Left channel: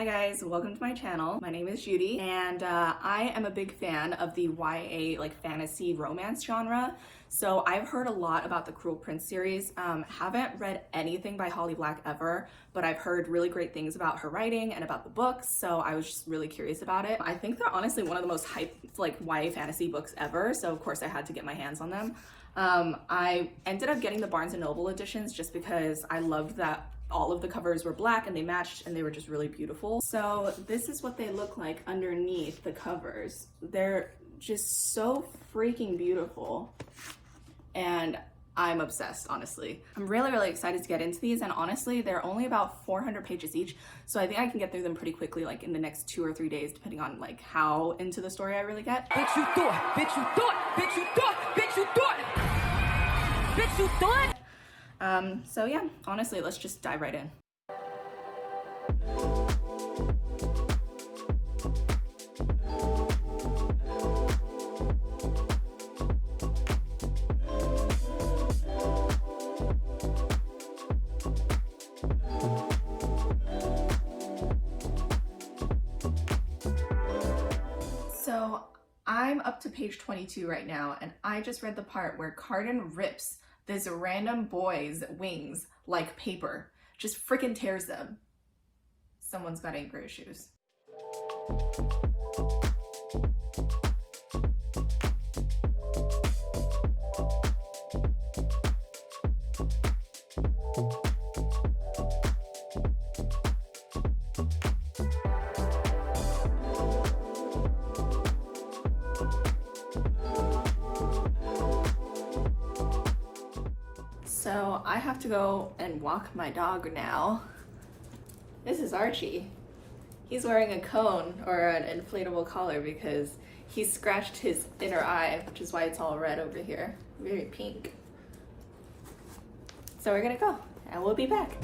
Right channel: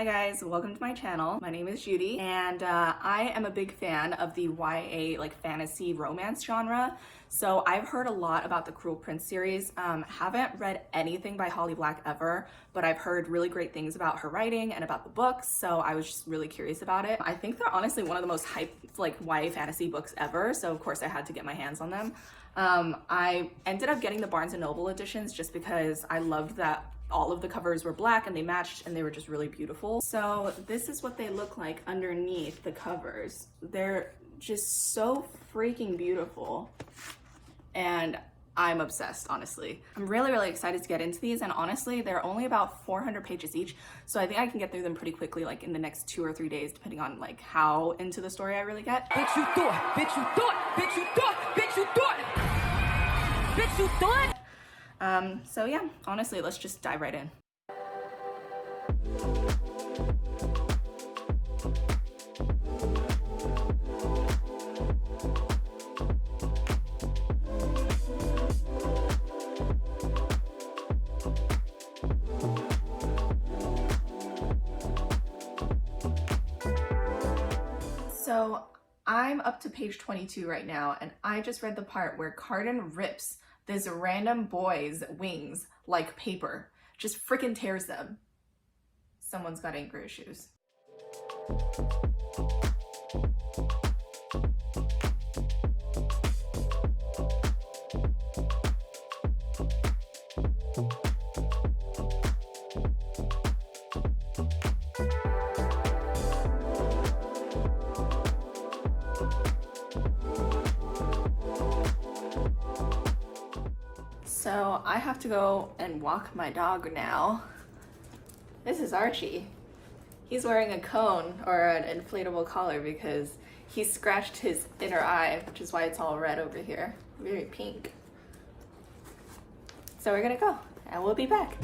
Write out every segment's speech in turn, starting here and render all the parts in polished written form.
Hi guys, welcome to my channel. My name is Judy and I am a big fan of the YA fantasy romance genre. So I've heard a lot about the Cruel Prince series. Haven't read anything by Holly Black ever, but I've heard really great things about her writing and about the books, so I was just really curious about it. I think they're honestly one of the most hyped YA fantasy books ever, so of course I had to get my hands on them. I ended up getting the Barnes & Noble editions just because I loved that all of the covers were black and they matched and they were just really beautiful. So this is what they look like underneath the covers. They're just so freaking beautiful and I'm obsessed, honestly. I'm really excited to get into these, and honestly they're only about 400 pages each, so I think I can get through them pretty quickly, like in the next 2 or 3 days, depending on how into the story I really get. Bitch, you thought, bitch, you thought, bitch, you thought, bitch, you thought, bitch, you thought. So yeah, honestly, let's just dive right in. So I'm up to page 22 right now, and I just read the part where Cardan rips this random boy's wings like paper. Just freaking tears them. Someone's got anger issues. So I have to go and walk my dog now. This is Archie. He's wearing a cone or an inflatable collar because he scratched his inner eye, which is why it's all red over here. Very pink. So we're gonna go and we'll be back.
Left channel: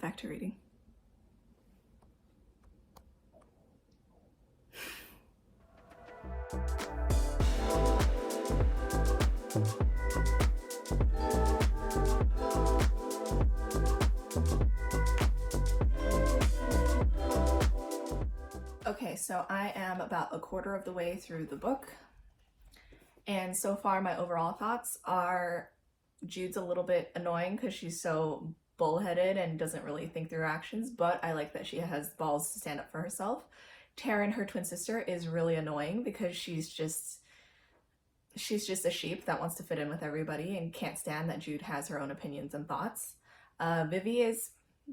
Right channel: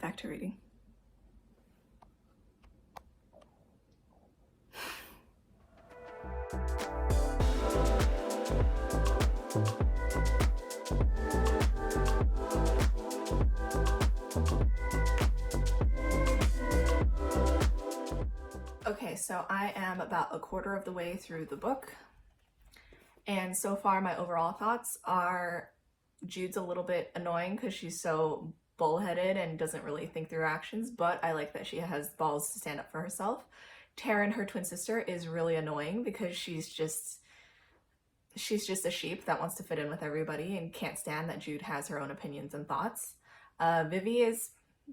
Back to reading. Okay, so I am about a quarter of the way through the book, and so far my overall thoughts are Jude's a little bit annoying because she's so bullheaded and doesn't really think through her actions, but I like that she has balls to stand up for herself. Taryn, her twin sister, is really annoying because she's just a sheep that wants to fit in with everybody and can't stand that Jude has her own opinions and thoughts. Vivi is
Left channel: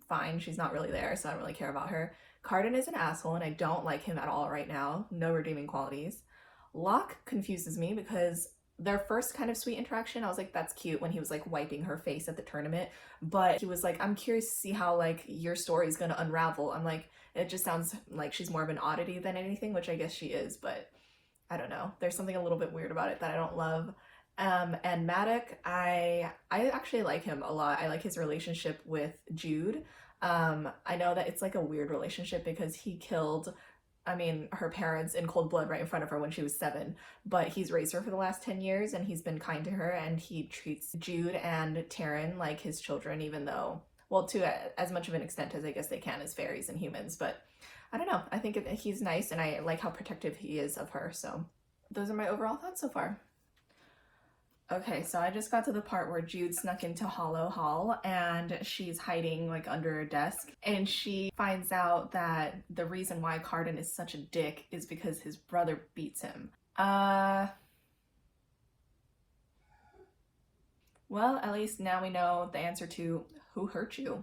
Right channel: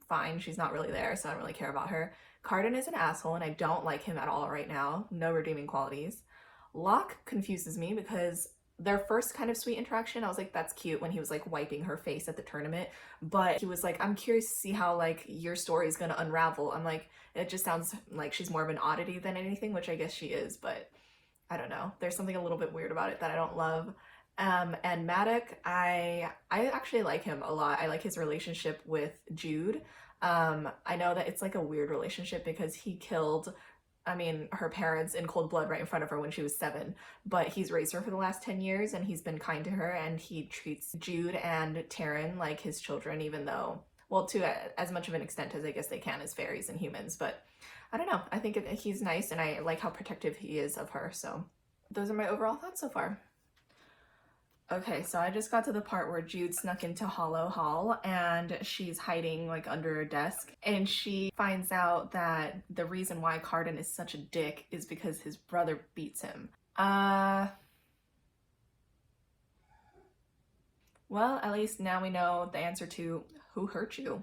fine, she's not really there, so I don't really care about her. Cardan is an asshole and I don't like him at all right now. No redeeming qualities. Locke confuses me because their first kind of sweet interaction, I was like, that's cute, when he was like wiping her face at the tournament, but he was like, I'm curious to see how like your story is gonna unravel. I'm like, it just sounds like she's more of an oddity than anything, which I guess she is, but I don't know. There's something a little bit weird about it that I don't love. And Maddox, I actually like him a lot. I like his relationship with Jude. I know that it's like a weird relationship because he killed her parents in cold blood right in front of her when she was 7, but he's raised her for the last 10 years and he's been kind to her, and he treats Jude and Taryn like his children, even though, well, to as much of an extent as I guess they can as fairies and humans, but I don't know. I think he's nice and I like how protective he is of her, so those are my overall thoughts so far. Okay, so I just got to the part where Jude snuck into Hollow Hall and she's hiding like under her desk, and she finds out that the reason why Cardan is such a dick is because his brother beats him. Well, at least now we know the answer to who hurt you.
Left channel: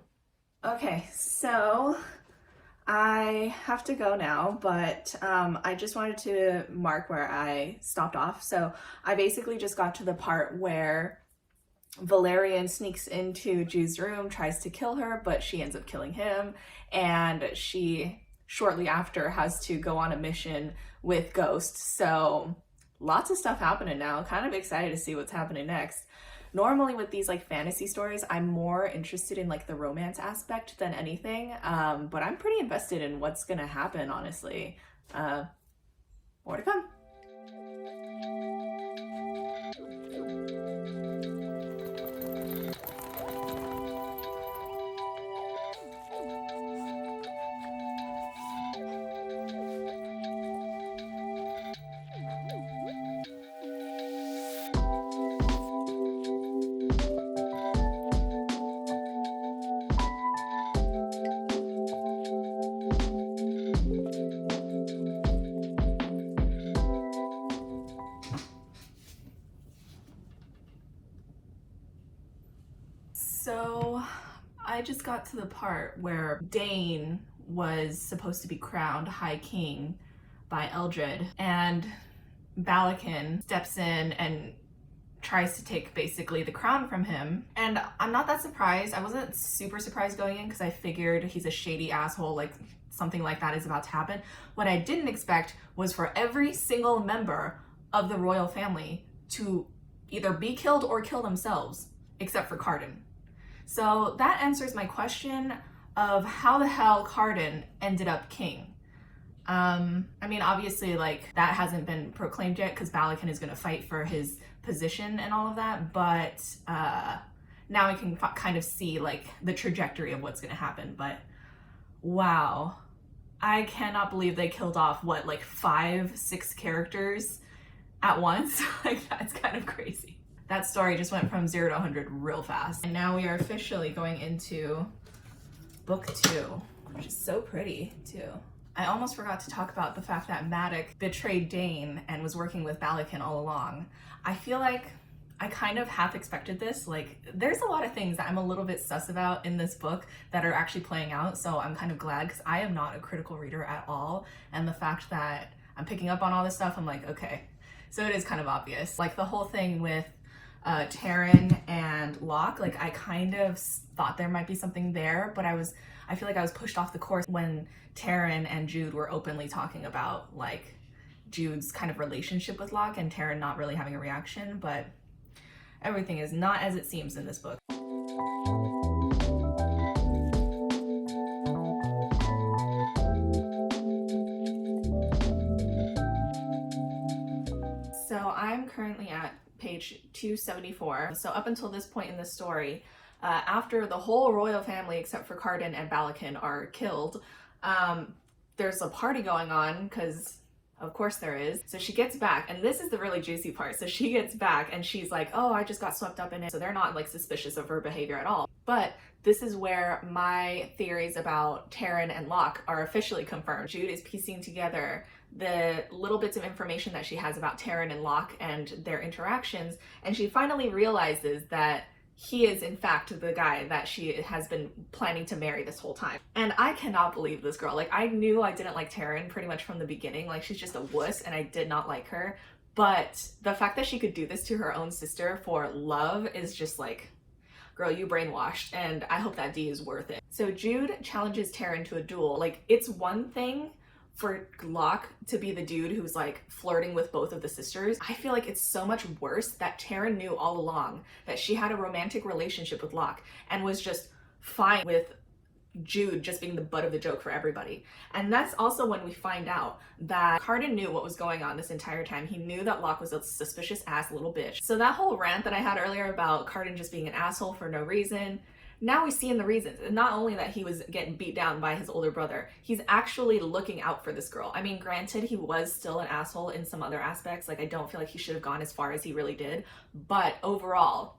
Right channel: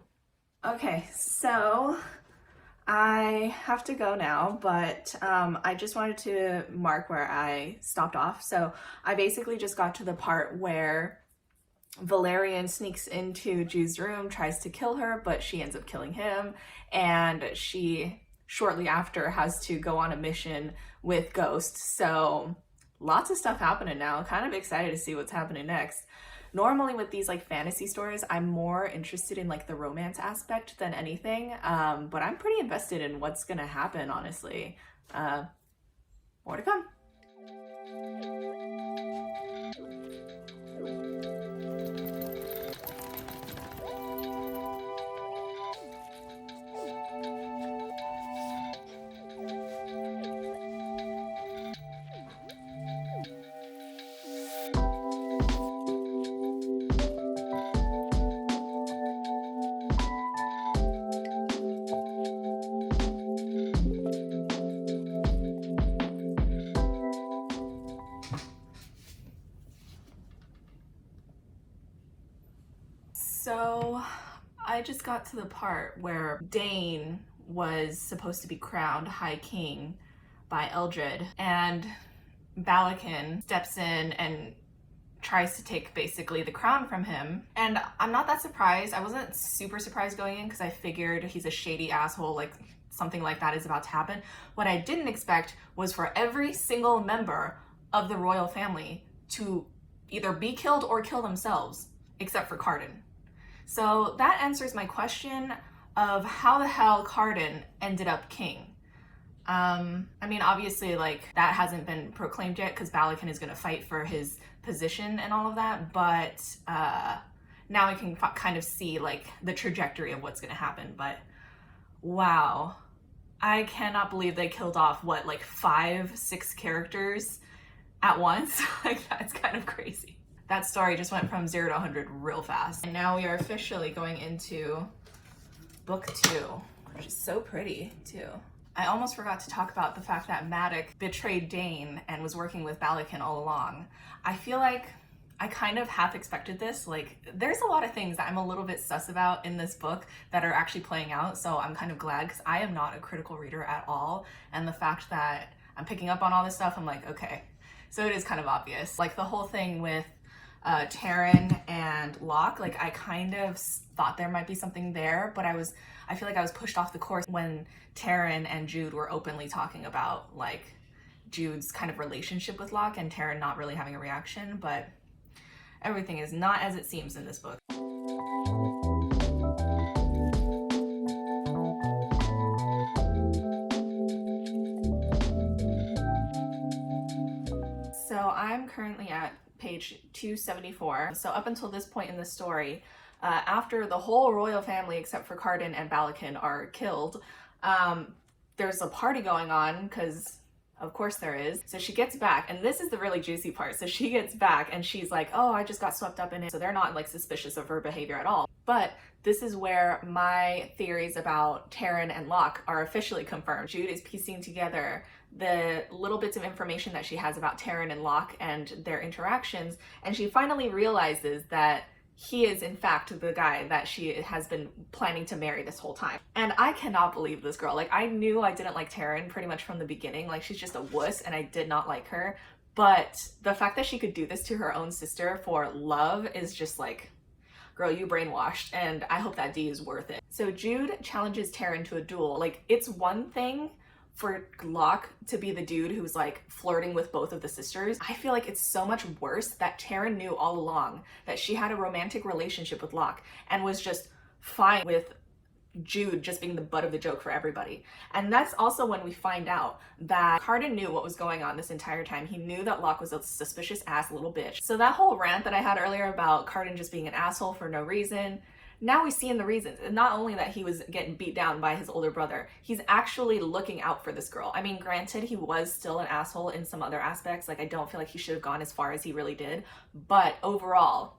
Okay, so I have to go now, but I just wanted to mark where I stopped off. So I basically just got to the part where Valerian sneaks into Jude's room, tries to kill her, but she ends up killing him, and she shortly after has to go on a mission with Ghost. So lots of stuff happening now. Kind of excited to see what's happening next. Normally with these like fantasy stories, I'm more interested in like the romance aspect than anything, but I'm pretty invested in what's gonna happen, honestly. More to come. So I just got to the part where Dane was supposed to be crowned High King by Eldred, and Balakin steps in and tries to take basically the crown from him. And I'm not that surprised. I wasn't super surprised going in because I figured he's a shady asshole, like something like that is about to happen. What I didn't expect was for every single member of the royal family to either be killed or kill themselves, except for Cardan. So that answers my question of how the hell Cardan ended up king. I mean, obviously, like, that hasn't been proclaimed yet because Balakin is going to fight for his position and all of that, but now I can kind of see, like, the trajectory of what's going to happen. But wow, I cannot believe they killed off, what, like 5-6 characters at once? Like, that's kind of crazy. That story just went from 0 to 100 real fast. And now we are officially going into book 2, which is so pretty too. I almost forgot to talk about the fact that Maddox betrayed Dane and was working with Balakin all along. I feel like I kind of half expected this. Like, there's a lot of things that I'm a little bit sus about in this book that are actually playing out, so I'm kind of glad because I am not a critical reader at all. And the fact that I'm picking up on all this stuff, I'm like, okay. So it is kind of obvious. Like the whole thing with Taryn and Locke, like I kind of thought there might be something there, but I feel like I was pushed off the course when Taryn and Jude were openly talking about like Jude's kind of relationship with Locke and Taryn not really having a reaction, but everything is not as it seems in this book. So I'm currently at page 274. So up until this point in the story, after the whole royal family except for Cardan and Balakin are killed, there's a party going on because of course there is. So she gets back, and this is the really juicy part. So she gets back and she's like, oh, I just got swept up in it. So they're not like suspicious of her behavior at all. But this is where my theories about Taryn and Locke are officially confirmed. Jude is piecing together the little bits of information that she has about Taryn and Locke and their interactions, and she finally realizes that he is in fact the guy that she has been planning to marry this whole time. And I cannot believe this girl. Like, I knew I didn't like Taryn pretty much from the beginning. Like, she's just a wuss and I did not like her. But the fact that she could do this to her own sister for love is just like, girl, you brainwashed, and I hope that D is worth it. So Jude challenges Taryn to a duel. Like, it's one thing for Locke to be the dude who's like flirting with both of the sisters. I feel like it's so much worse that Taryn knew all along that she had a romantic relationship with Locke and was just fine with Jude just being the butt of the joke for everybody. And that's also when we find out that Cardan knew what was going on this entire time. He knew that Locke was a suspicious ass little bitch. So that whole rant that I had earlier about Cardan just being an asshole for no reason, now we see in the reasons. And not only that he was getting beat down by his older brother, he's actually looking out for this girl. I mean, granted, he was still an asshole in some other aspects. Like, I don't feel like he should have gone as far as he really did. But overall,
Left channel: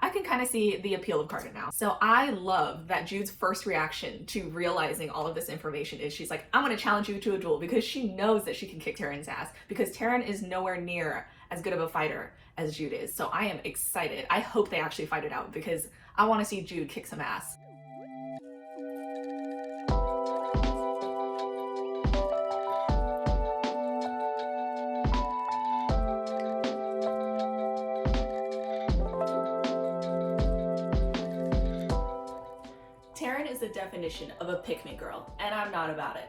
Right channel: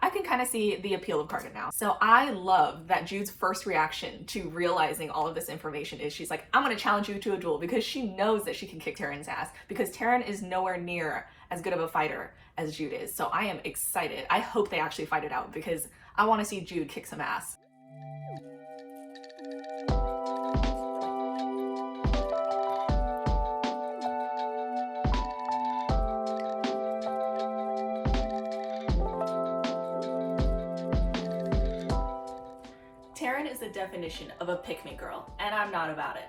I can kind of see the appeal of Cardan now. So I love that Jude's first reaction to realizing all of this information is she's like, I'm going to challenge you to a duel, because she knows that she can kick Taryn's ass, because Taryn is nowhere near as good of a fighter as Jude is. So I am excited. I hope they actually fight it out, because I want to see Jude kick some ass. Taryn is the definition of a pick-me girl, and I'm not about it.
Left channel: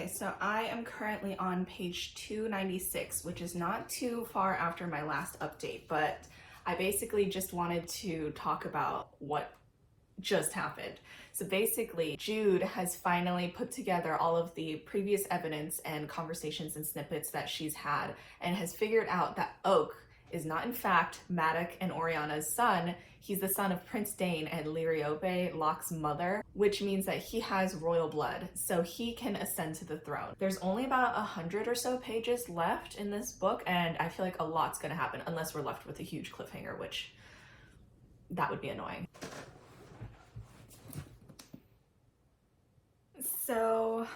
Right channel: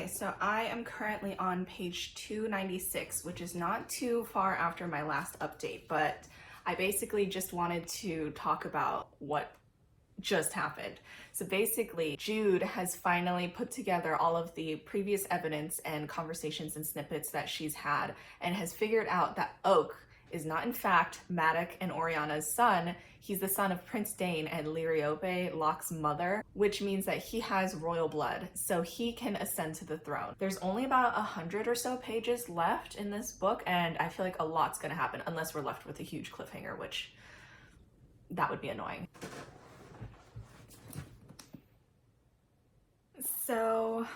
Okay, so I am currently on page 296, which is not too far after my last update, but I basically just wanted to talk about what just happened. So basically, Jude has finally put together all of the previous evidence and conversations and snippets that she's had and has figured out that Oak is not in fact Maddox and Oriana's son. He's the son of Prince Dane and Liriope, Locke's mother, which means that he has royal blood, so he can ascend to the throne. There's only about 100 or so pages left in this book, and I feel like a lot's gonna happen unless we're left with a huge cliffhanger, which that would be annoying. So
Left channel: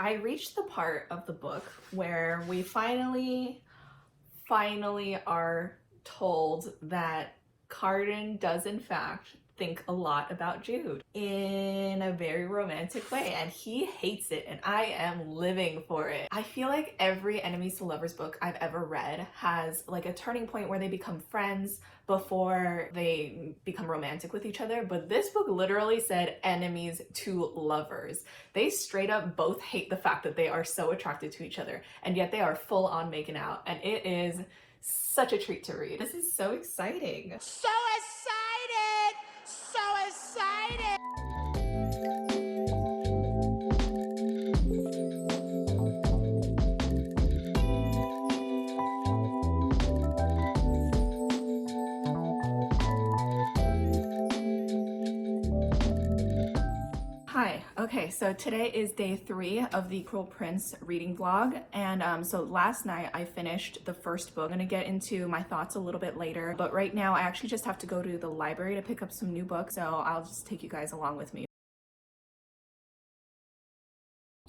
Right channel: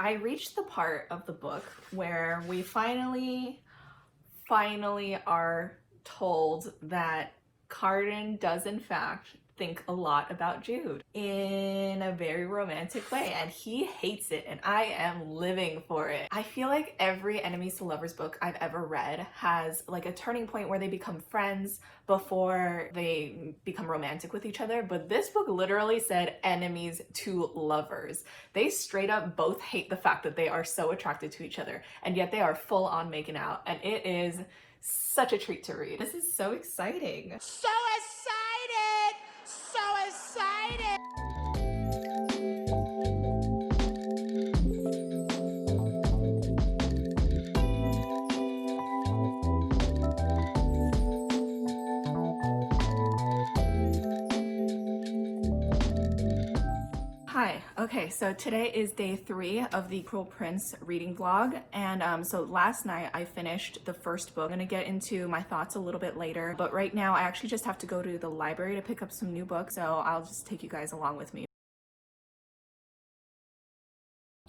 I reached the part of the book where we finally are told that Cardan does in fact think a lot about Jude in a very romantic way, and he hates it, and I am living for it. I feel like every enemies to lovers book I've ever read has like a turning point where they become friends before they become romantic with each other, but this book literally said enemies to lovers. They straight up both hate the fact that they are so attracted to each other, and yet they are full on making out, and it is such a treat to read. This is so exciting. So excited! So excited! Okay, so today is day 3 of the Cruel Prince reading vlog, and so last night I finished the first book. I'm gonna get into my thoughts a little bit later, but right now I actually just have to go to the library to pick up some new books, so I'll just take you guys along with me.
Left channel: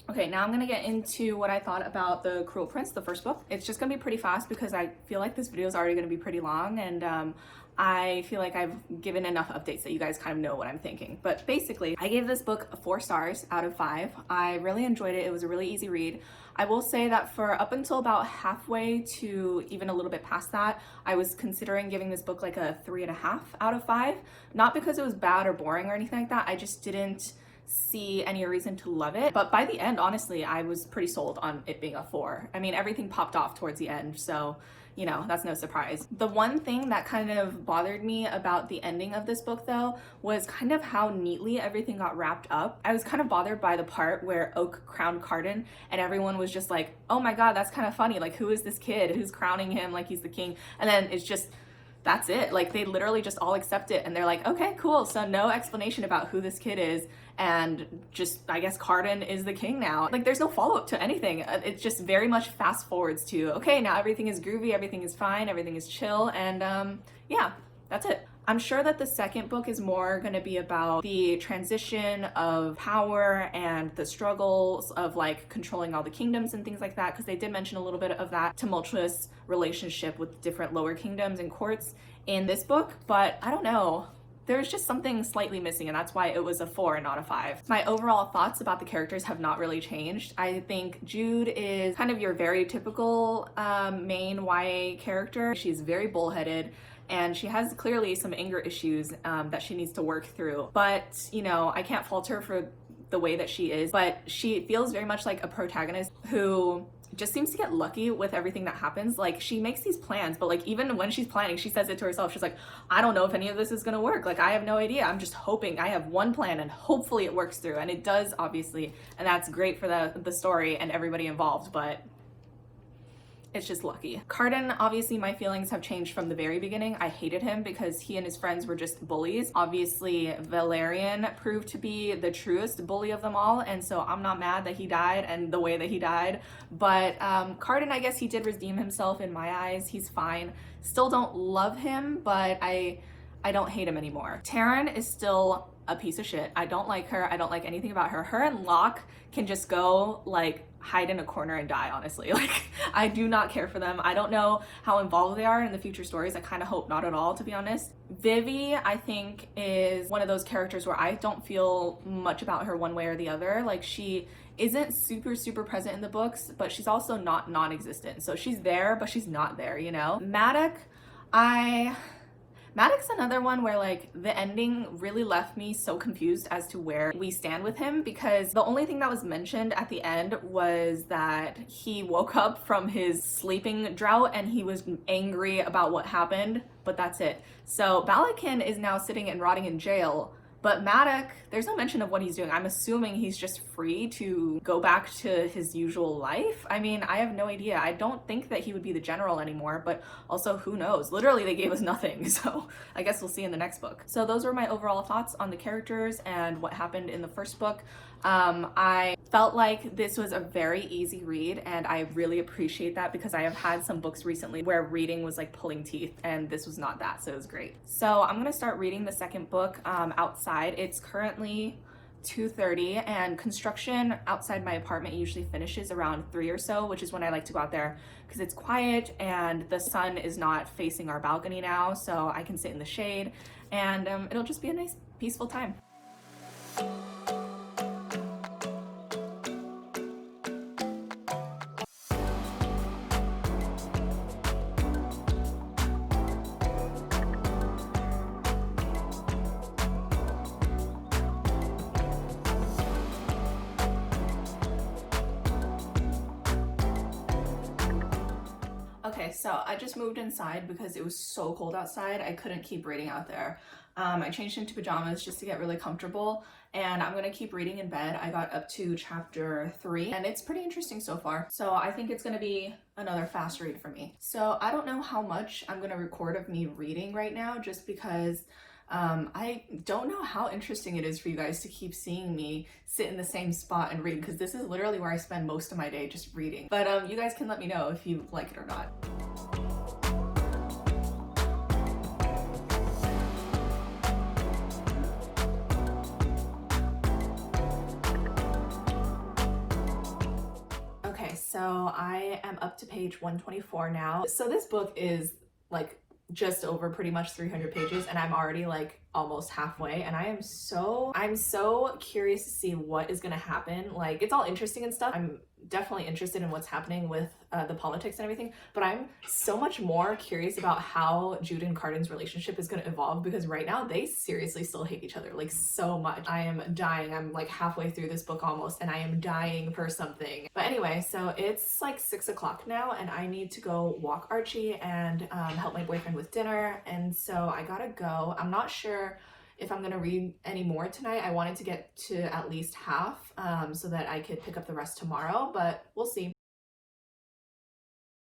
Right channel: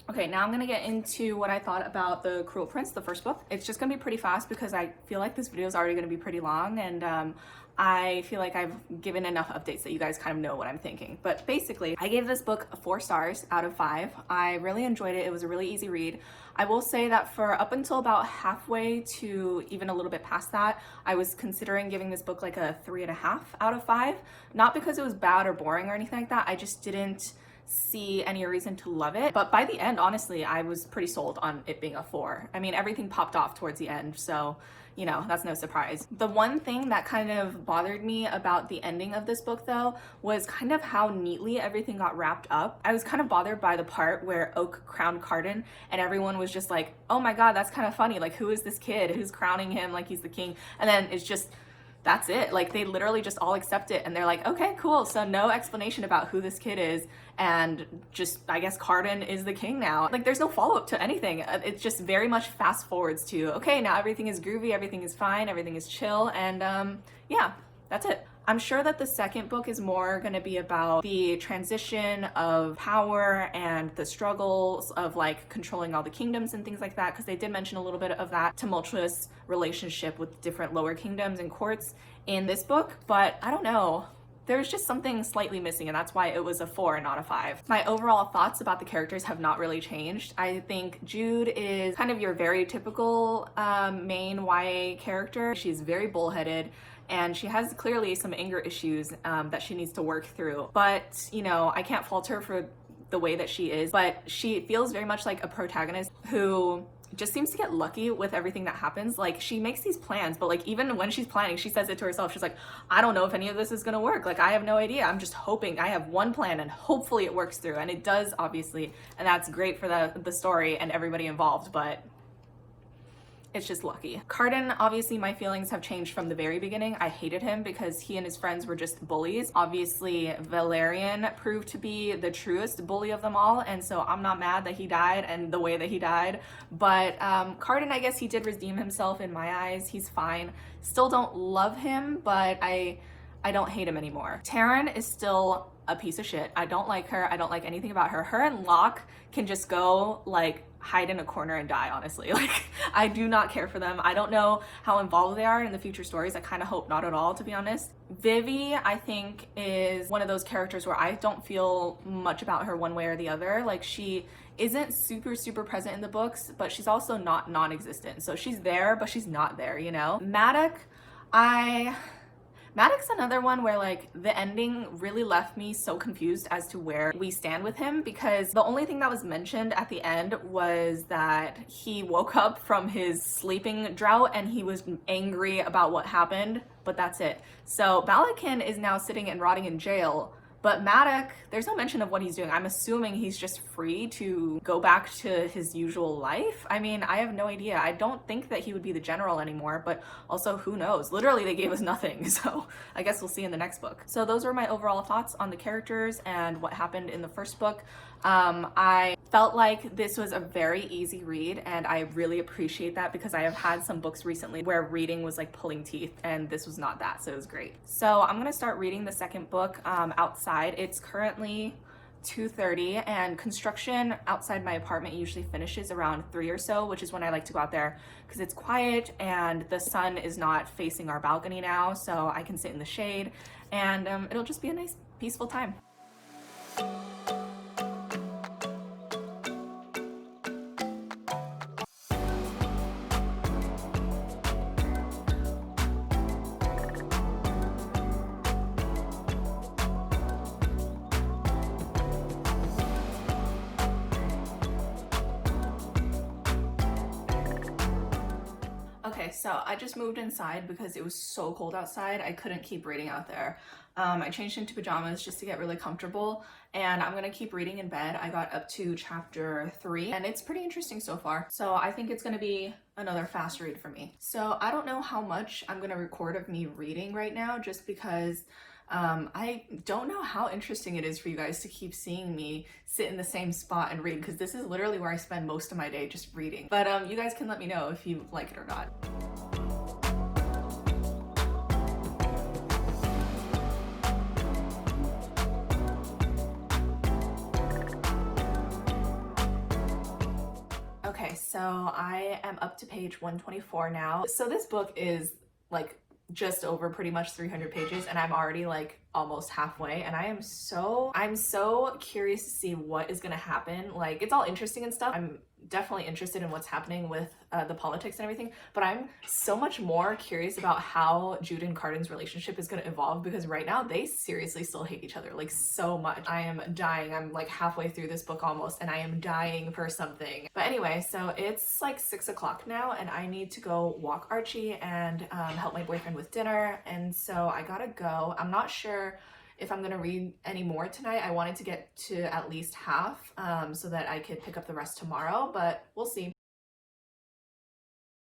Okay, now I'm gonna get into what I thought about The Cruel Prince, the first book. It's just gonna be pretty fast because I feel like this video is already gonna be pretty long, and I feel like I've given enough updates that you guys kind of know what I'm thinking. But basically, I gave this book 4 stars out of 5. I really enjoyed it. It was a really easy read. I will say that for up until about halfway to even a little bit past that, I was considering giving this book like a 3.5 out of 5. Not because it was bad or boring or anything like that. I just didn't see any reason to love it. But by the end, honestly, I was pretty sold on it being a 4. I mean, everything popped off towards the end, so you know, that's no surprise. The one thing that kind of bothered me about the ending of this book though was kind of how neatly everything got wrapped up. I was kind of bothered by the part where Oak crowned Cardan and everyone was just like, oh my god, that's kind of funny, like who is this kid who's crowning him like he's the king? And then it's just, that's it. Like they literally just all accept it and they're like, okay, cool. So no explanation about who this kid is, and just, I guess Cardan is the king now. Like there's no follow-up to anything. It's just very much fast forwards to, okay, now everything is groovy, everything is fine, everything is chill, and yeah, that's it. I'm sure that the second book is more going to be about the transition of power and the struggles of like controlling all the kingdoms and things like that, because they did mention a little bit of that tumultuous relationship with different lower kingdoms and courts in this book, but I don't know. There's just something slightly missing, and that's why it was a 4 and not a 5. My overall thoughts about the characters have not really changed. I think Jude is kind of your very typical main YA character. She's very bullheaded, and she has clearly some anger issues that she needs to work through. But, you know, I can't fault her for the way that she is, but she feels very much like a protagonist who just seems to get lucky with everything that happens. Like she makes these plans, but like even when she's planning, she says it to herself. She's like, I don't know if any of this is gonna work. Like I have no idea. I'm just hoping. I have one plan and hopefully it works through. And it does, obviously. And that's great for the story and everybody involved, but it's just lucky. Cardan, obviously my feelings have changed from the very beginning. I hated him because he and his friends were just bullies. Obviously Valerian proved to be the truest bully of them all, and so I'm not mad that he died and the way that he died. But Cardan, I guess he did redeem himself in my eyes. He's fine. Still don't love him, but I don't hate him anymore. Taryn is still a piece of shit. I don't like her. I don't like anything about her. Her and Locke can just go like hide in a corner and die, honestly. Like I do not care for them. I don't know how involved they are in the future stories. I kind of hope not at all, to be honest. Vivi, I think, is one of those characters where I don't feel much about her one way or the other. Like she isn't super present in the books, but she's also not non-existent. So she's there, but she's not there, you know? Maddox, Maddox another one where like the ending really left me so confused as to where we stand with him, because the only thing that was mentioned at the end was that he woke up from his sleeping drought and he was angry about what happened, but that's it. So Balakin is now sitting and rotting in jail, but Maddox, there's no mention of what he's doing. I'm assuming he's just free to go back to his usual life. I mean, I have no idea. I don't think that he would be the general anymore, but also who knows? Literally, they gave us nothing, so I guess we'll see in the next book. So those are my overall thoughts on the characters and what happened in the first book. I felt like this was a very easy read, and I really appreciate that because I have had some books recently where reading was like pulling teeth, and this was not that, so it was great. So I'm gonna start reading the second book outside. It's currently 2:30, and construction outside my apartment usually finishes around 3 or so, which is when I like to go out there because it's quiet and the sun is not facing our balcony now, so I can sit in the shade, and it'll just be a nice peaceful time. Okay, so I just moved inside because it was so cold outside. I couldn't keep reading out there. I changed into pajamas just to get really comfortable, and I'm gonna keep reading in bed. I got up to chapter 3, and it's pretty interesting so far. So I think it's gonna be another fast read for me. So I don't know how much I'm gonna record of me reading right now, just because I don't know how interesting it is for you guys to keep seeing me sit in the same spot and read, because this is literally where I spend most of my day, just reading. But you guys can let me know if you like it or not. Okay, so I am up to page 124 now. So this book is like just over pretty much 300 pages, and I'm already like almost halfway, and I'm so curious to see what is gonna happen. Like, it's all interesting and stuff. I'm definitely interested in what's happening with the politics and everything, but I'm so much more curious about how Jude and Cardan's relationship is going to evolve, because right now they seriously still hate each other like so much. I am dying. I'm like halfway through this book almost, and I am dying for something. But anyway, so it's like 6 o'clock now, and I need to go walk Archie and help my boyfriend with dinner, and so I gotta go. I'm not sure if I'm gonna read any more tonight. I wanted to get to at least half so that I could pick up the rest tomorrow, but we'll see.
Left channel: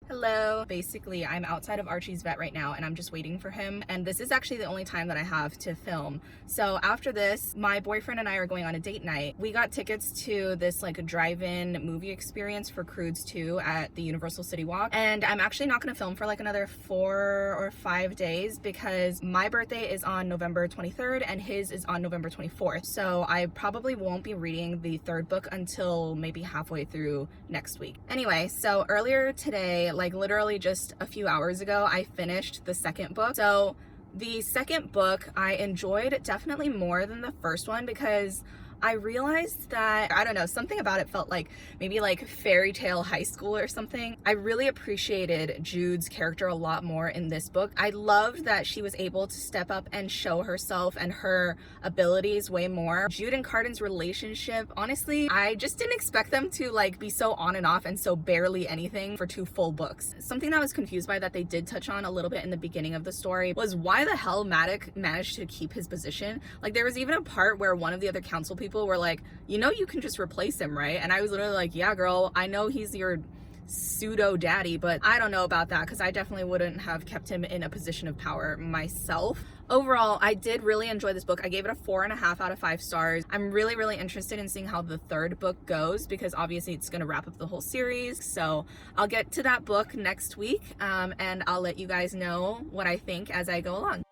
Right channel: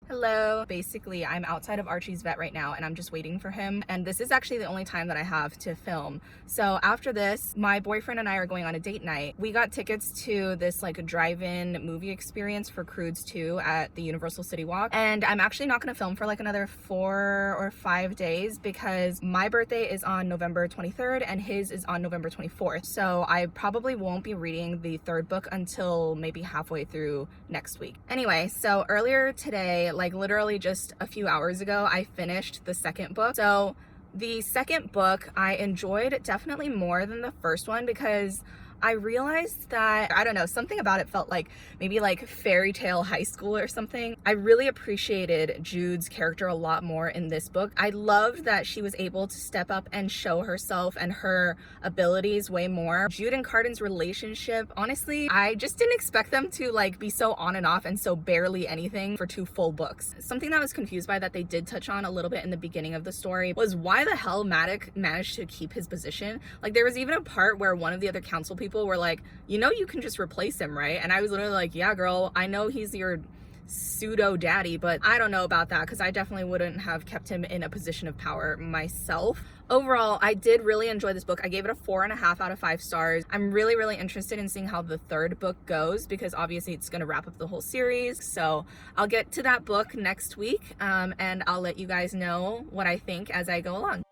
Hello. Basically, I'm outside of Archie's vet right now, and I'm just waiting for him. And this is actually the only time that I have to film. So after this, my boyfriend and I are going on a date night. We got tickets to this like a drive-in movie experience for Croods 2 at the Universal City Walk. And I'm actually not gonna film for like another 4 or 5 days because my birthday is on November 23rd and his is on November 24th. So I probably won't be reading the third book until maybe halfway through next week. Anyway, so earlier today, like literally just a few hours ago, I finished the second book. So the second book I enjoyed definitely more than the first one, because I realized that, I don't know, something about it felt like maybe like fairy tale high school or something. I really appreciated Jude's character a lot more in this book. I loved that she was able to step up and show herself and her abilities way more. Jude and Cardan's relationship, honestly, I just didn't expect them to like be so on and off and so barely anything for 2 full books. Something that I was confused by that they did touch on a little bit in the beginning of the story was why the hell Maddox managed to keep his position. Like, there was even a part where one of the other council people were like, you know, you can just replace him, right? And I was literally like, yeah, girl, I know he's your pseudo daddy, but I don't know about that, because I definitely wouldn't have kept him in a position of power myself. Overall, I did really enjoy this book. I gave it a 4.5 out of 5 stars. I'm really interested in seeing how the third book goes, because obviously it's going to wrap up the whole series. So I'll get to that book next week, and I'll let you guys know what I think as I go along.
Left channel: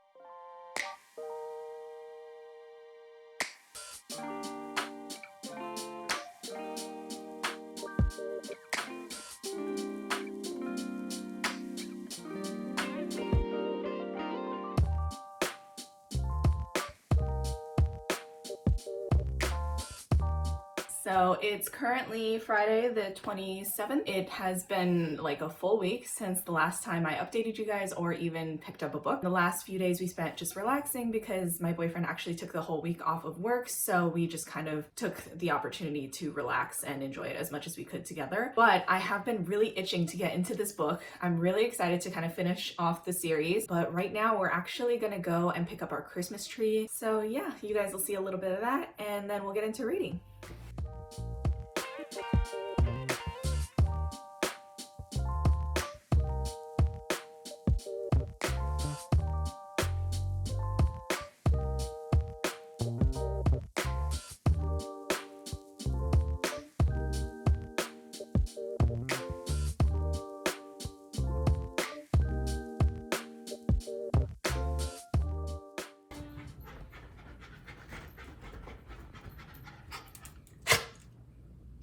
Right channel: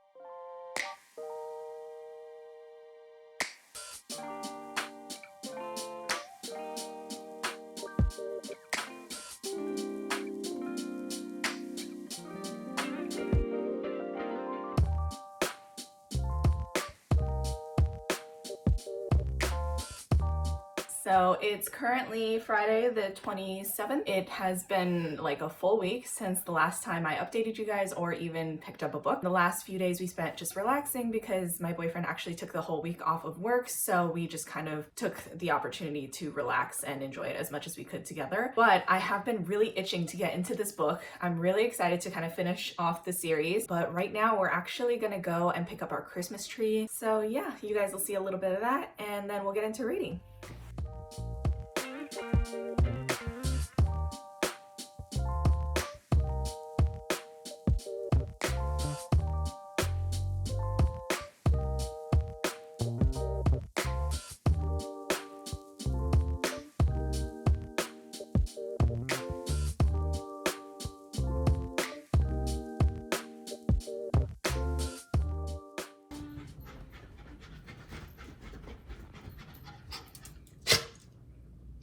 So it's currently Friday the 27th. It has been like a full week since the last time I updated you guys or even picked up a book. The last few days we spent just relaxing because my boyfriend actually took the whole week off of work, so we just kind of took the opportunity to relax and enjoy it as much as we could together. But I have been really itching to get into this book. I'm really excited to kind of finish off the series, but right now we're actually gonna go and pick up our Christmas tree. So yeah, you guys will see a little bit of that and then we'll get into reading.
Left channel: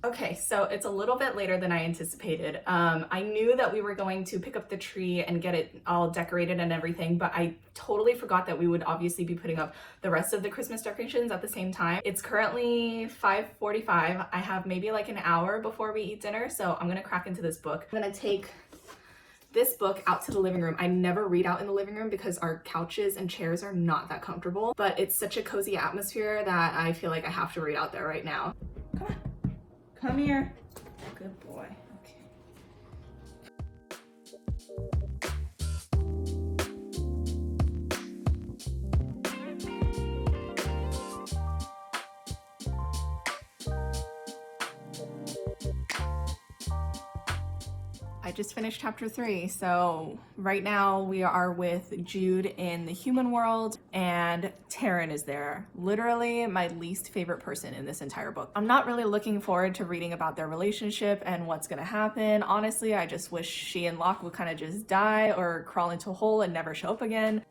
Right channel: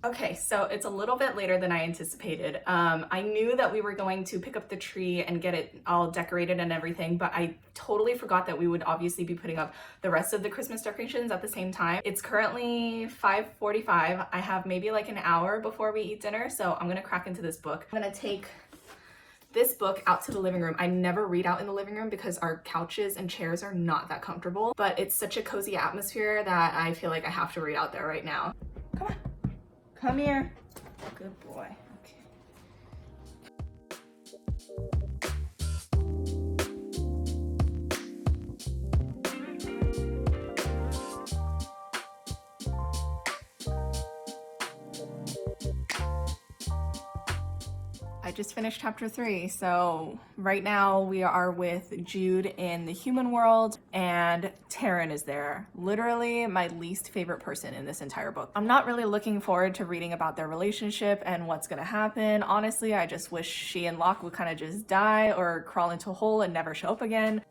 Okay, so it's a little bit later than I anticipated. I knew that we were going to pick up the tree and get it all decorated and everything, but I totally forgot that we would obviously be putting up the rest of the Christmas decorations at the same time. It's currently 5:45. I have maybe like an hour before we eat dinner, so I'm gonna crack into this book. I'm gonna take this book out to the living room. I never read out in the living room because our couches and chairs are not that comfortable, but it's such a cozy atmosphere that I feel like I have to read out there right now. Come on. Come here. Good boy. Okay. I just finished chapter 3, so right now we are with Jude in the human world and Taryn is there. Literally my least favorite person in this entire book. I'm not really looking forward to reading about their relationship and what's gonna happen. Honestly, I just wish she and Locke would kind of just die or crawl into a hole and never show up again.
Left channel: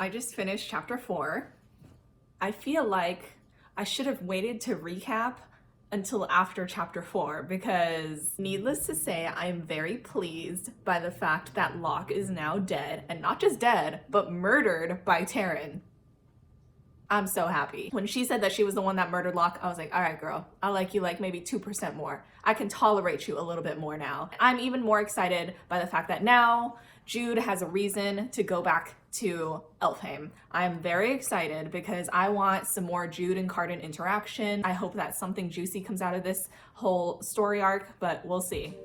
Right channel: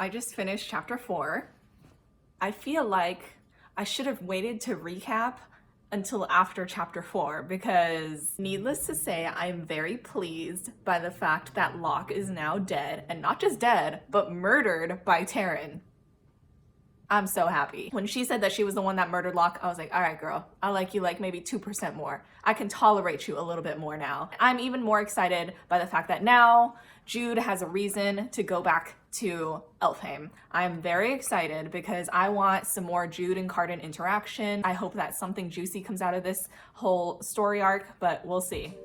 I just finished chapter 4. I feel like I should have waited to recap until after chapter 4 because needless to say, I'm very pleased by the fact that Locke is now dead, and not just dead, but murdered by Taryn. I'm so happy. When she said that she was the one that murdered Locke, I was like, all right, girl, I like you like maybe 2% more. I can tolerate you a little bit more now. I'm even more excited by the fact that now Jude has a reason to go back to Elfhame. I'm very excited because I want some more Jude and Cardan interaction. I hope that something juicy comes out of this whole story arc, but we'll see.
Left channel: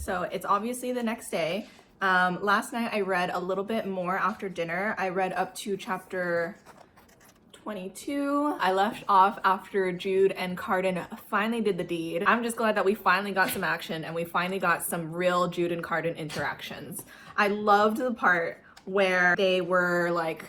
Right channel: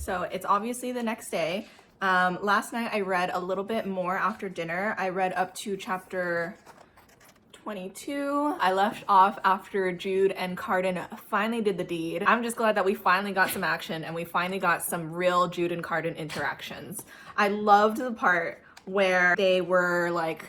So it's obviously the next day. Last night I read a little bit more after dinner. I read up to chapter 22. I left off after Jude and Cardan finally did the deed. I'm just glad that we finally got some action and we finally got some real Jude and Cardan interactions. I loved the part where they were like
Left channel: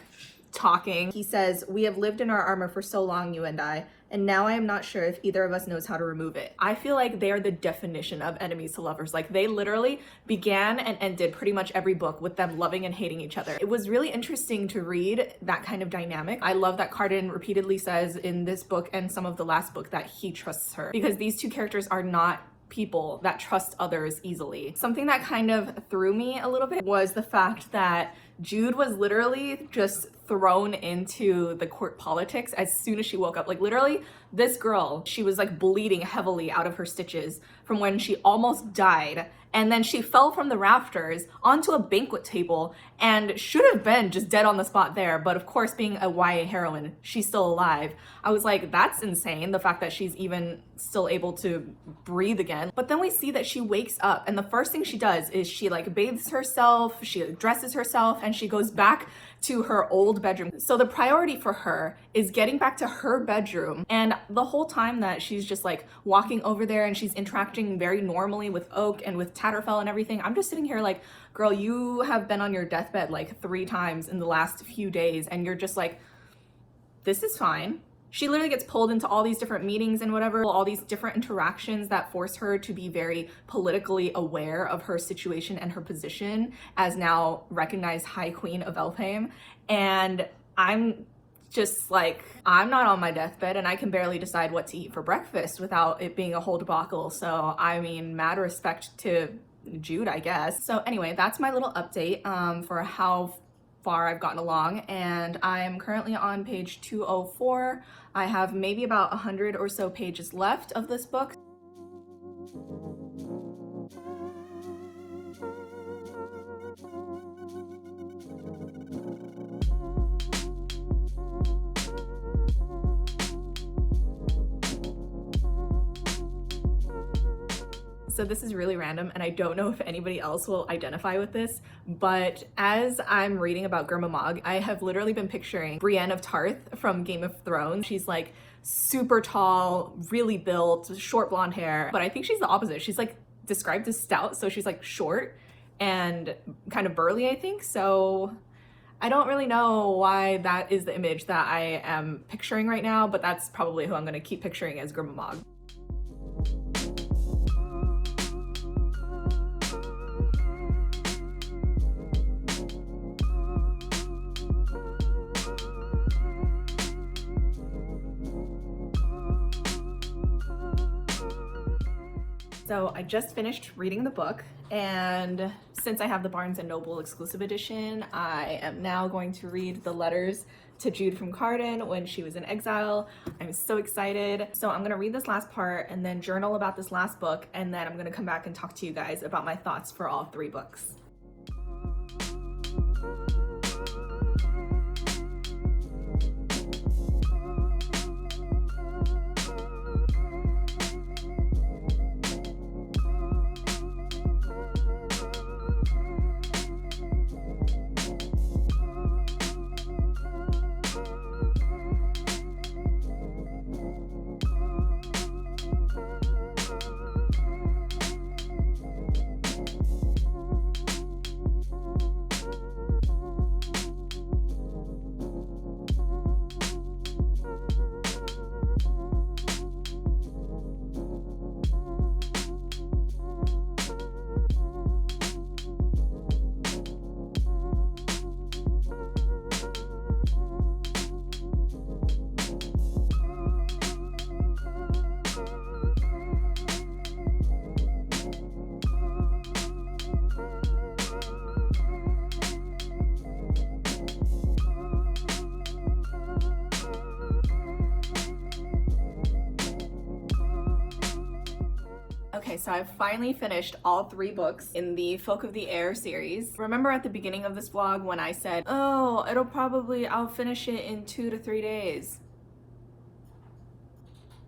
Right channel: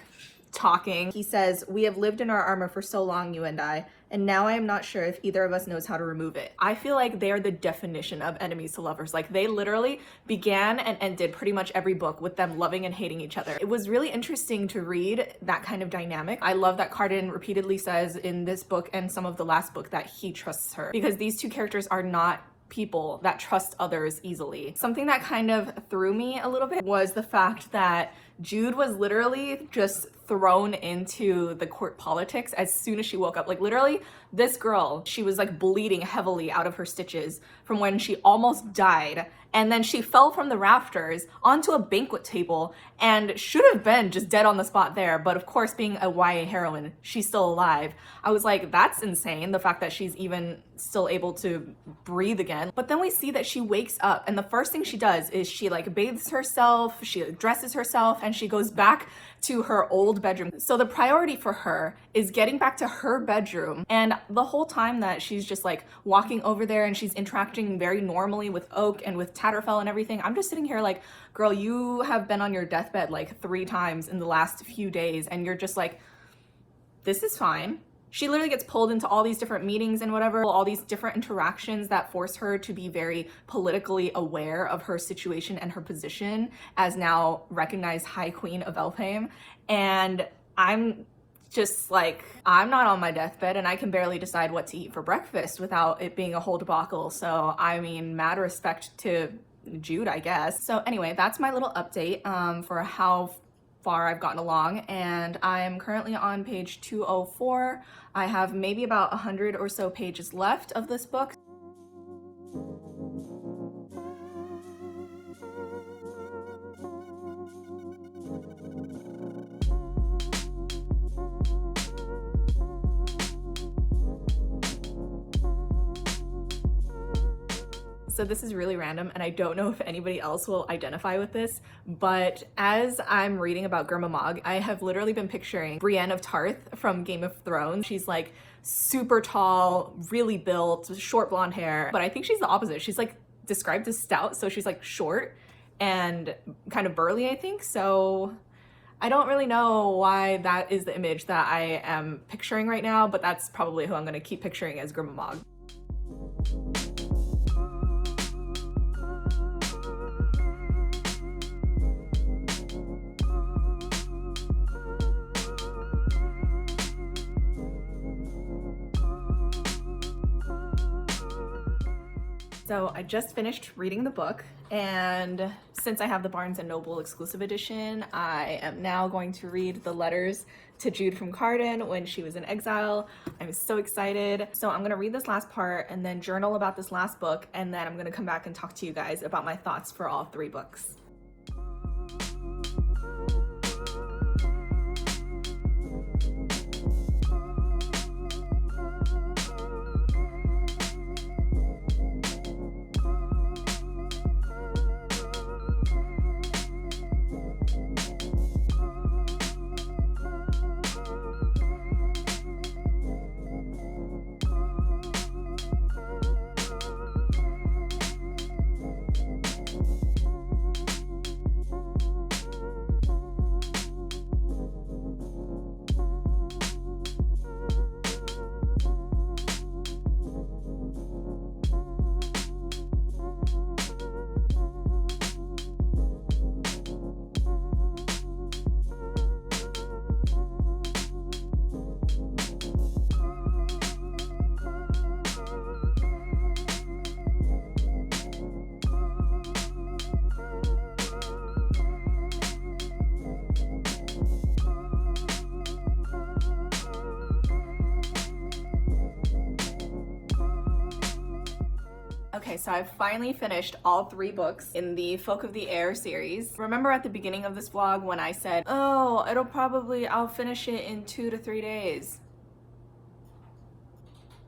talking. He says, "We have lived in our armor for so long, you and I, and now I am not sure if either of us knows how to remove it." I feel like they're the definition of enemies to lovers. Like they literally began and ended pretty much every book with them loving and hating each other. It was really interesting to read that kind of dynamic. I love that Cardan repeatedly says in this book and some of the last book that he trusts her, because these two characters are not people that trust others easily. Something that kind of threw me a little bit was the fact that Jude was literally just thrown into the court politics as soon as she woke up. Like literally, this girl, she was like bleeding heavily out of her stitches from when she almost died. And then she fell from the rafters onto a banquet table and should have been just dead on the spot there. But of course, being a YA heroine, she's still alive. I was like, that's insane. The fact that she's even still able to breathe again. But then we see that she wakes up, and the first thing she does is she like bathes herself, she dresses herself, and she goes back to her old bedroom. So the priority for her is getting back to her bedroom. And the whole time that she's just like walking over there and she's interacting very normally with Oak and with Tatterfell and everything, I'm just sitting here like, girl, you have been on your deathbed like 3 times in the last few days, and you're just like, this is fine. She literally gets pulled into all these different meetings and whatever, all these different interactions that force her to be very politically aware of her situation and her position as now recognized High Queen of Elfhame. And I'm just like, I'm not on my deathbed and I can barely decide what to eat for breakfast without it being a whole debacle. So, I mean, mad respect to Jude, I guess. So anyway, that's my little update for how far I've gotten along, and I'm currently on page 204. I have maybe about 100 or so pages left of this book. So this is really random, and I don't know if anybody else will identify with this, but as I'm reading about Gurma Mog, I have literally been picturing Brienne of Tarth from Game of Thrones. She's like super tall, really built, short blonde hair, but I think she's the opposite. She's like described as stout, so she's like short and kind of burly, I think. So I don't really know why that is the image that I am picturing right now, but that's probably who I'm going to keep picturing as Gurma Mog. So I just finished reading the book, and since I have the Barnes & Noble exclusive edition, I am now going to read the letters to Jude from Carden when she was in exile. I'm so excited. So I'm gonna read this last part and then journal about this last book, and then I'm gonna come back and talk to you guys about my thoughts for all 3 books. Okay, so I've finally finished all 3 books in the Folk of the Air series. Remember at the beginning of this vlog when I said, oh, I'll finish it in 2 to 3 days.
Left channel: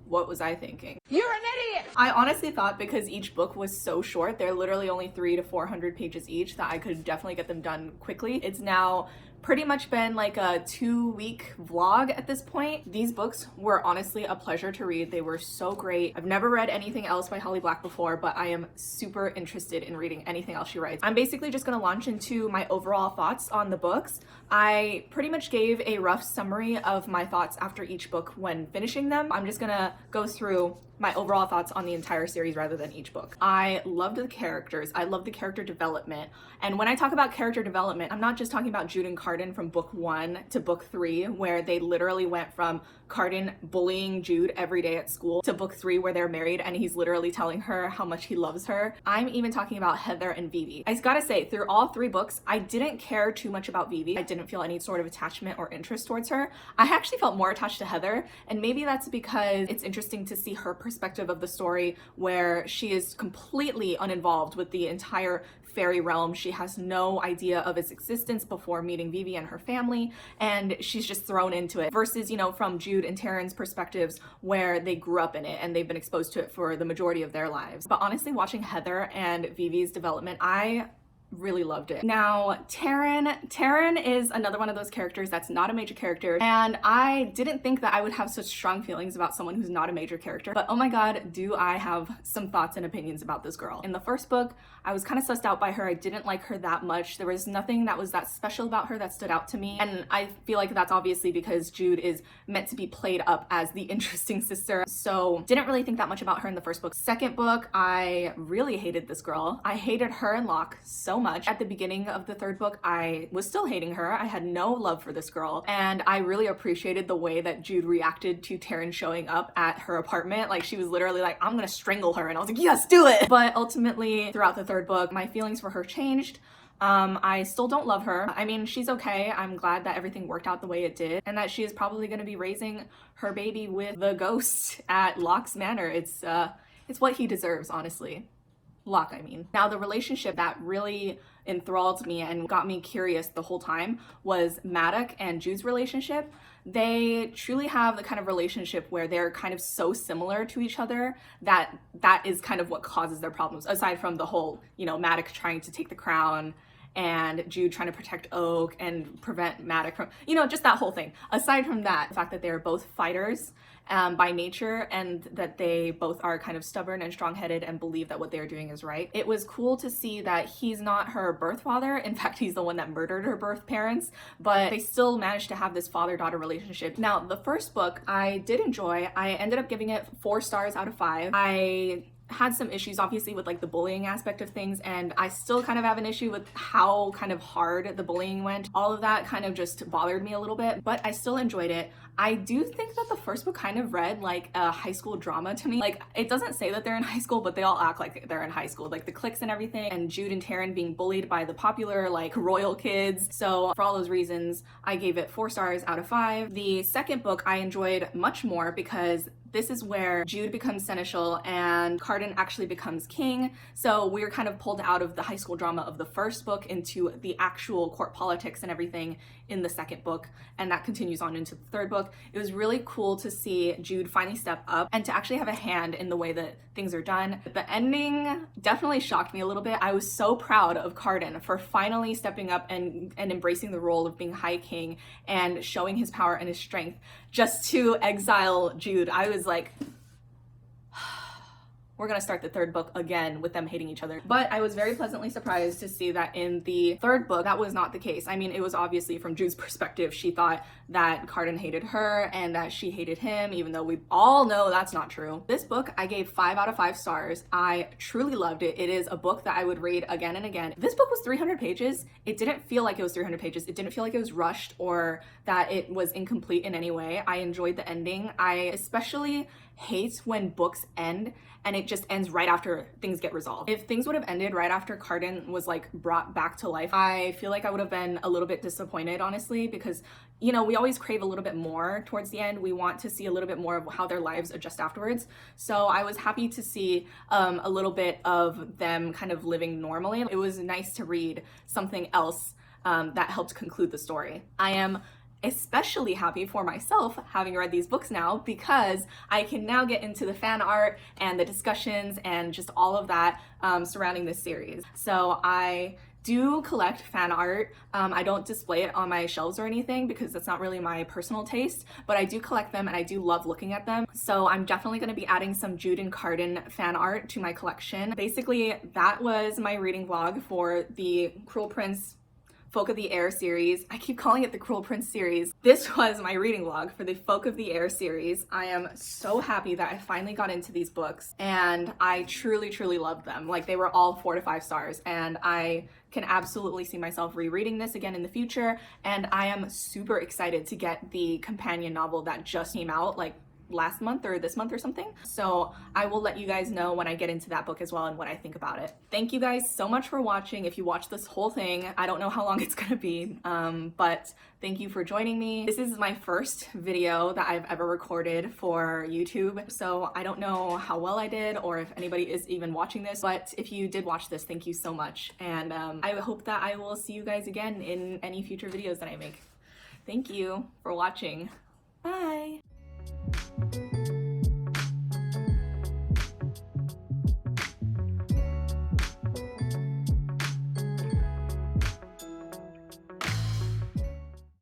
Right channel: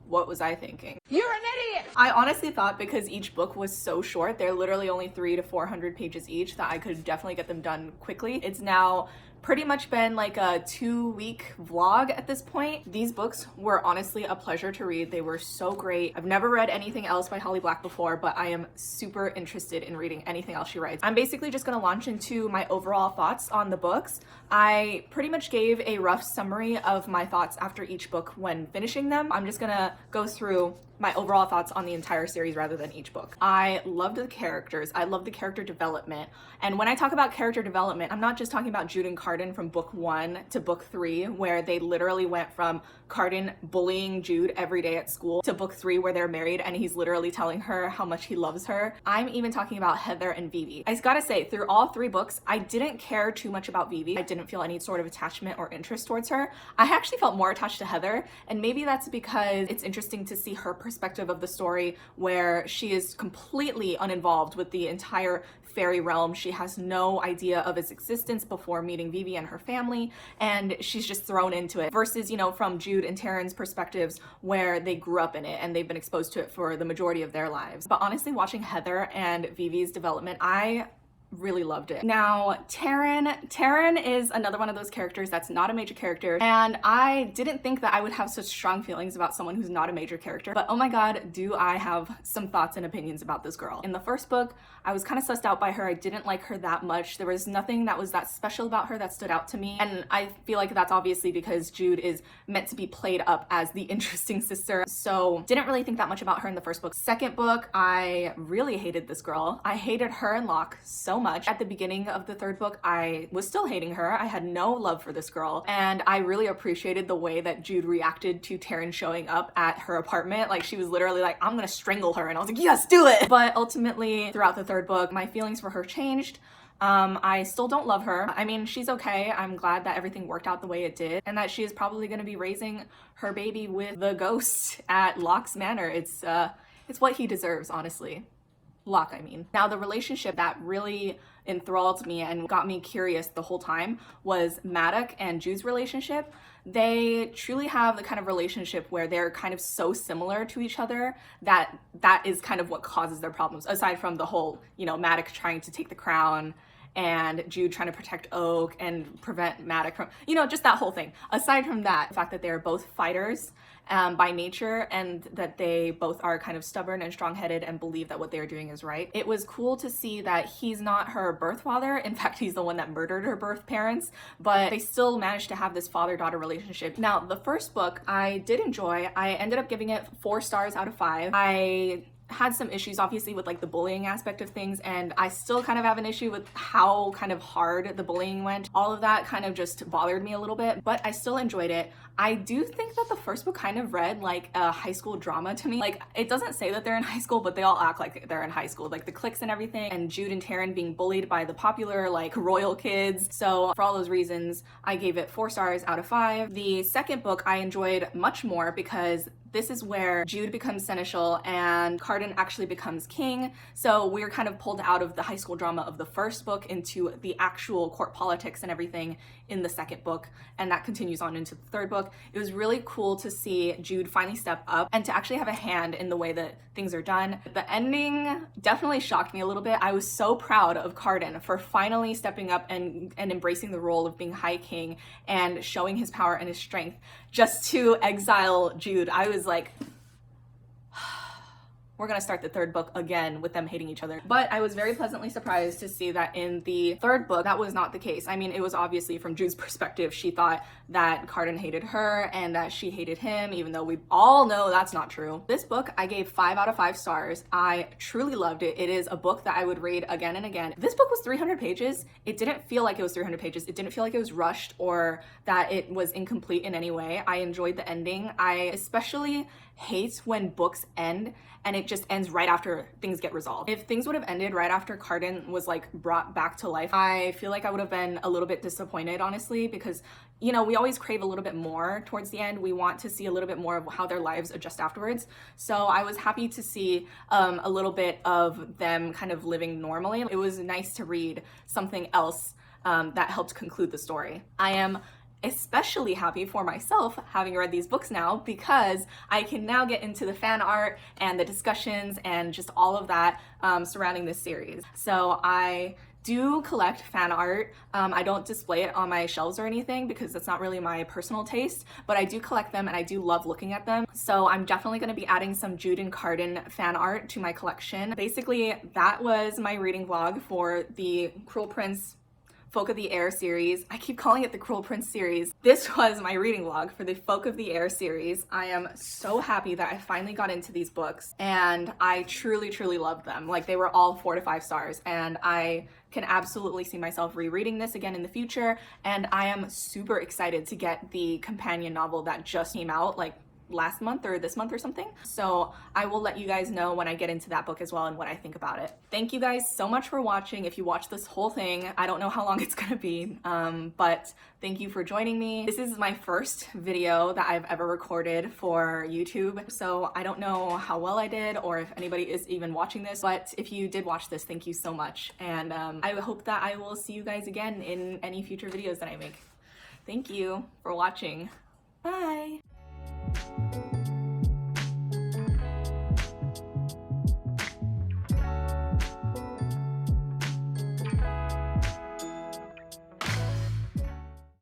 What was I thinking? You're an idiot! I honestly thought because each book was so short, they're literally only 300 to 400 pages each, that I could definitely get them done quickly. It's now pretty much been like a 2-week vlog at this point. These books were honestly a pleasure to read. They were so great. I've never read anything else by Holly Black before, but I am super interested in reading anything else she writes. I'm basically just gonna launch into my overall thoughts on the books. I pretty much gave a rough summary of my thoughts after each book when finishing them. I'm just gonna go through my overall thoughts on the entire series rather than each book. I loved the characters. I loved the character development. And when I talk about character development, I'm not just talking about Jude and Carden from book 1 to book 3, where they literally went from Carden bullying Jude every day at school to book 3 where they're married and he's literally telling her how much he loves her. I'm even talking about Heather and Vivi. I gotta say, through all 3 books, I didn't care too much about Vivi. I didn't feel any sort of attachment or interest towards her. I actually felt more attached to Heather, and maybe that's because it's interesting to see her perspective perspective of the story where she is completely uninvolved with the entire fairy realm. She has no idea of its existence before meeting Vivi and her family, and she's just thrown into it. Versus, you know, from Jude and Taryn's perspectives where they grew up in it and they've been exposed to it for the majority of their lives. But honestly, watching Heather and Vivi's development, I really loved it. Now, Taryn is another one of those characters that's not a major character, and I didn't think that I would have such strong feelings about someone who's not a major character, but oh my god, do I have some thoughts and opinions about this girl. In the first book, I was kind of sussed out by her. I didn't like her that much. There was nothing that was that special about her that stood out to me, and I feel like that's obviously because Jude is meant to be played up as the interesting sister, so didn't really think that much about her in the first book. Second book, I really hated this girl. I hated her and Locke so much. At the beginning of the third book, I was still hating her. I had no love for this girl, and I really appreciated the way that Jude reacted to Taryn showing up at her apartment. Like, she was literally like, I'm gonna strangle her, and I was like, yes, do it! But ultimately, throughout the third book, my feelings for her changed. I still don't love her. I mean, she's okay. I'm glad that everything worked out the way it did, and that she is probably gonna be raising her baby with the ghost at Locke's manor. It's what he deserves, honestly. Locke, I mean. Now, the relationship that really enthralled me and got me curious the whole time was Maddox and Jude's relationship. They truly have the kind of relationship where they're kind of so similar to each other that is kind of what causes their problems, aside from the whole, you know, Maddox trying to take the crown and Jude trying to protect Oak and prevent Maddox from, you know, just that whole thing. Aside from that, the fact that they're both fighters by nature, and that they both are kind of stubborn and strong-headed and believe that what they're doing is right. It was cool to see that he's not her birth father. In fact, he's the one that murdered her birth parents, but they still managed to have this father-daughter relationship. Now, the first book I did enjoy. I ended up giving it 4 stars out of 5. I had some issues obviously with like the bullying aspect of things, and I still kind of have an issue with how kind of hard the bullying went. All of that kind of just bothered me a little bit, but I still enjoyed it. I do think that the first book kind of read like a high school drama to me. Like, it doesn't say that they're in high school, but they all act like they're in high school, like the cliques and everything, and Jude and Taryn being bullied by the popular like royal kids. So for all those reasons, I gave it 4 stars out of 5. The second book I enjoyed much more because this is where Jude becomes seneschal and Cardan actually becomes king. So we're kind of pulled out of the high school drama of the first book into the actual court politics and everything in the second book. And that continues on into the third book. It was really cool to see Jude finally step up and to actually have a hand in the way that things are done. The ending definitely shocked me a little bit. I was so proud of Cardan for finally stepping up and embracing the role of being High King and showing his power and his strength just to exile Jude. I was like, we're gonna start the third book again with them hating each other. But I was very pleasantly surprised to see that in the third book, that was not the case. I mean, it was obviously from Jude's perspective. She thought that Cardan hated her and that she hated him, even though we all know that's not true. This book, I gave 5 out of 5 stars. I truly loved it. It is a book that I would read again and again. This book was 300 pages. It didn't feel like it was 300 pages. It didn't feel like it was rushed or that it was incomplete in any way. I enjoyed the ending. I especially hate when books end and it just ends right after things get resolved. If things would have ended right after Cardan was like brought back to life, I feel like I would have been a little bit disappointed, honestly, because, you know, we always crave a little bit more towards the end. We want to see a little bit more of how their lives adjust afterwards. So I was happy to see a little bit of them kind of living normally. It was nice to read something else that helped conclude the story. I am especially happy for myself having read these books now, because I can now get into the fan art and the discussions and just all of that surrounding this series. So I do collect fan art. I don't display it on my shelves or anything because that's not really my personal taste, but I do collect them and I do love looking at them. So I'm definitely going to be adding some Jude and Cardan fan art to my collection. Basically, that was my reading vlog for the Cruel Prince Folk of the Air series. I keep calling it the Cruel Prince series. This was my reading vlog for the Folk of the Air series. I am so happy that I finally got into these books and I truly, truly loved them. Like, they were all 4 to 5 stars, and I can absolutely see myself rereading this again in the future. And I am super excited to get the companion novel that just came out like last month or this month or something. So I will let you guys know when I get into that book as well and what I think about it. Thank you guys so much for watching. If you watched this whole thing, I don't know how long it's gonna be, but thank you for joining me. This is my first video that I've ever recorded for YouTube, so I don't know how well I did or if anybody is even watching this, but if you did watch this, thank you so much. And I hope that I will see you guys again in any future videos that I make. Thank you for watching. Bye.